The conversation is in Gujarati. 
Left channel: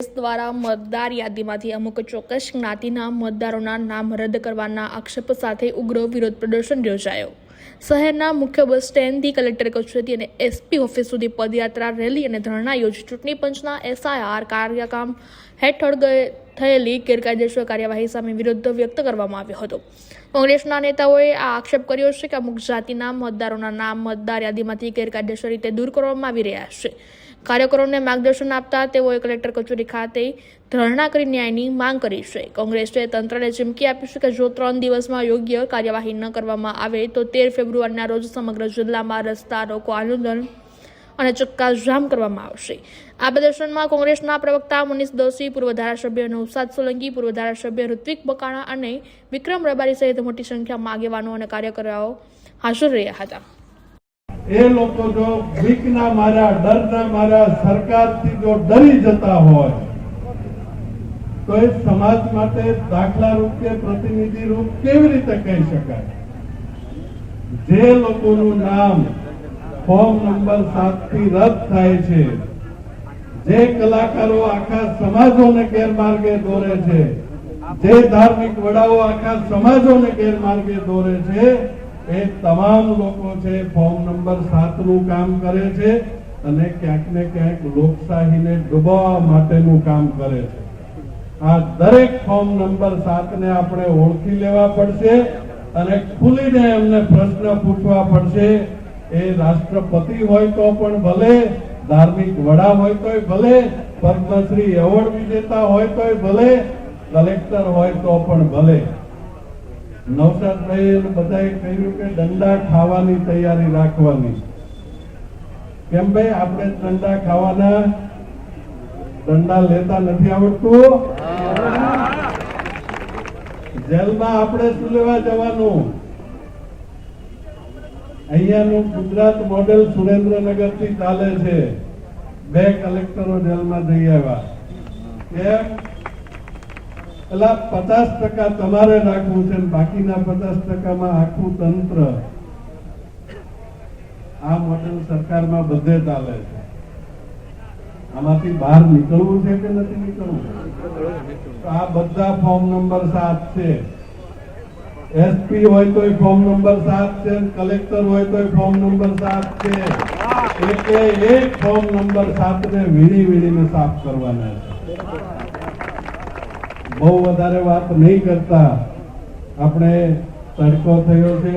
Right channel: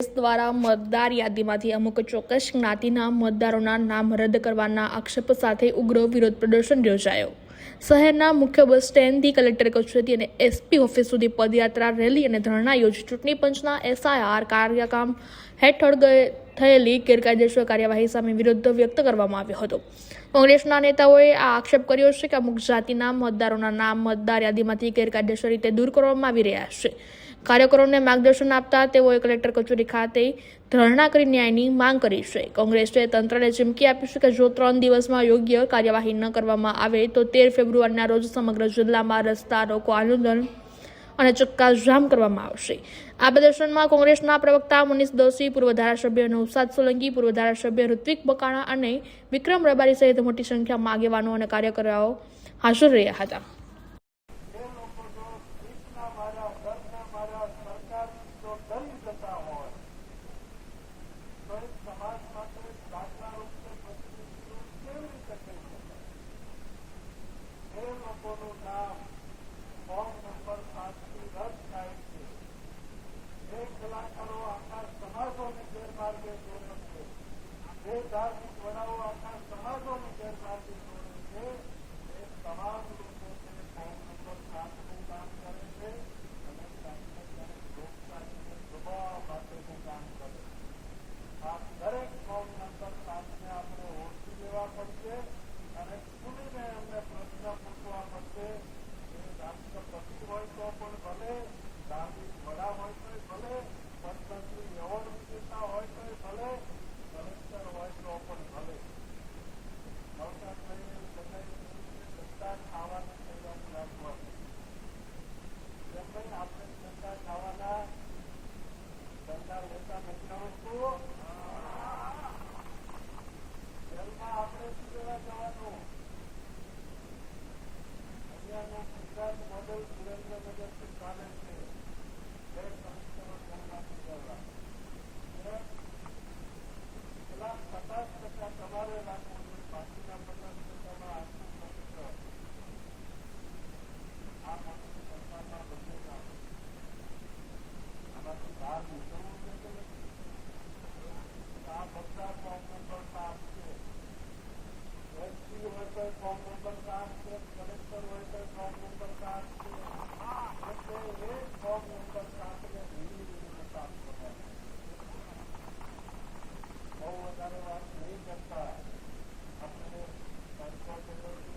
દ્વારા મતદાર યાદીમાંથી અમુક ચોક્કસ જ્ઞાતિના મતદારોના નામ રદ કરવાના આક્ષેપ સાથે ઉગ્ર વિરોધ પ્રદર્શન યોજાયો। શહેરના મુખ્ય બસ સ્ટેન્ડથી કલેક્ટર કચેરી અને એસપી ઓફિસ સુધી પદયાત્રા, રેલી અને ધરણા યોજી ચૂંટણી પંચના એસઆઈઆર કાર્યક્રમ હેઠળ થયેલી ગેરકાયદેસર કાર્યવાહી સામે વિરોધ વ્યક્ત કરવામાં આવ્યો હતો। કોંગ્રેસના નેતાઓએ આ આક્ષેપ કર્યો છે કે અમુક જાતિના મતદારોના નામ મતદાર યાદીમાંથી ગેરકાયદેસર રીતે દૂર કરવામાં આવી રહ્યા છે। કાર્યકરોને માર્ગદર્શન આપતા તેઓએ કલેક્ટર કચેરી ખાતે ધરણા કરી ન્યાયની માંગ કરી છે। કોંગ્રેસે તંત્રને ચીમકી આપી છે કે જો 3 દિવસમાં યોગ્ય કાર્યવાહી ન કરવામાં આવે તો 13 ફેબ્રુઆરીના રોજ સમગ્ર જિલ્લામાં રસ્તા રોકો આંદોલન અને ચક્કાજામ કરવામાં આવશે। આ પ્રદર્શનમાં કોંગ્રેસના પ્રવક્તા મનીષ દોશી, પૂર્વ ધારાસભ્ય નૌશાદ સોલંકી, પૂર્વ ધારાસભ્ય ઋત્વિક બકાણા અને વિક્રમ રબારી સહિત મોટી સંખ્યામાં આગેવાનો અને કાર્યકરો હાજર રહ્યા હતા। એ લોકો જો બીકના માર્યા, ડરના માર્યા સરકારથી જો ડરી જતા હોય તો એ સમાજ માટે દાખલા રૂપ કે પ્રતિનિધિ રૂપ કેવી રીતે કહી શકાય? જે લોકોનું નામ ફોર્મ નંબર 7 થી રદ થાય છે, જે કલાકારો આખા સમાજોને ગેરમાર્ગે દોરે છે, જે ધાર્મિક વડાઓ આખા સમાજોને ગેરમાર્ગે દોરે છે, એ તમામ લોકો છે ફોર્મ નંબર 7 નું કામ કરે છે અને ક્યાંક ને ક્યાંક લોકશાહીને ડૂબાવવા માટેનું કામ કરે છે। આ દરેક ફોર્મ નંબર 7 ને આપણે ઓળખી લેવા પડશે અને ખુલીને એમને પ્રશ્ન પૂછવા પડશે। એ રાષ્ટ્રપતિ હોય તો પણ ભલે, ધાર્મિક વડા હોય તોય ભલે, પદ્મશ્રી એવોર્ડ વિજેતા હોય તોય ભલે, કલેક્ટર હોય તો પણ ભલે। નૌશાદભાઈ બધાએ કહ્યું કે દંડા ખાવાની તૈયારી રાખવાની। કેમ ભાઈ, આપણે દંડા ખાવાના? દંડા લેતા નથી આવડતું? જેલમાં આપણે શું લેવા જવાનું? અહીંયાનું ગુજરાત મોડેલ સુરેન્દ્રનગર થી ચાલે છે। 2 કલેક્ટરો જેલમાં જઈ આવ્યા। કેમ? એટલે 50% તમારે રાખવું છે, બાકીના 50%માં આખું તંત્ર। આ મોડેલ સરકારમાં બધે ચાલે છે। આમાંથી બહાર નીકળવું છે કે નથી નીકળવું? આ બધા ફોર્મ નંબર 7 છે। એસપી હોય તો ફોર્મ નંબર 7 છે, કલેક્ટર હોય તો ફોર્મ નંબર 7 છે। એક ફોર્મ નંબર 7 ને વીણીને સાફ કરવાના છે। બહુ વધારે વાત નહીં કરતા, આપણે તડકો થયો છે।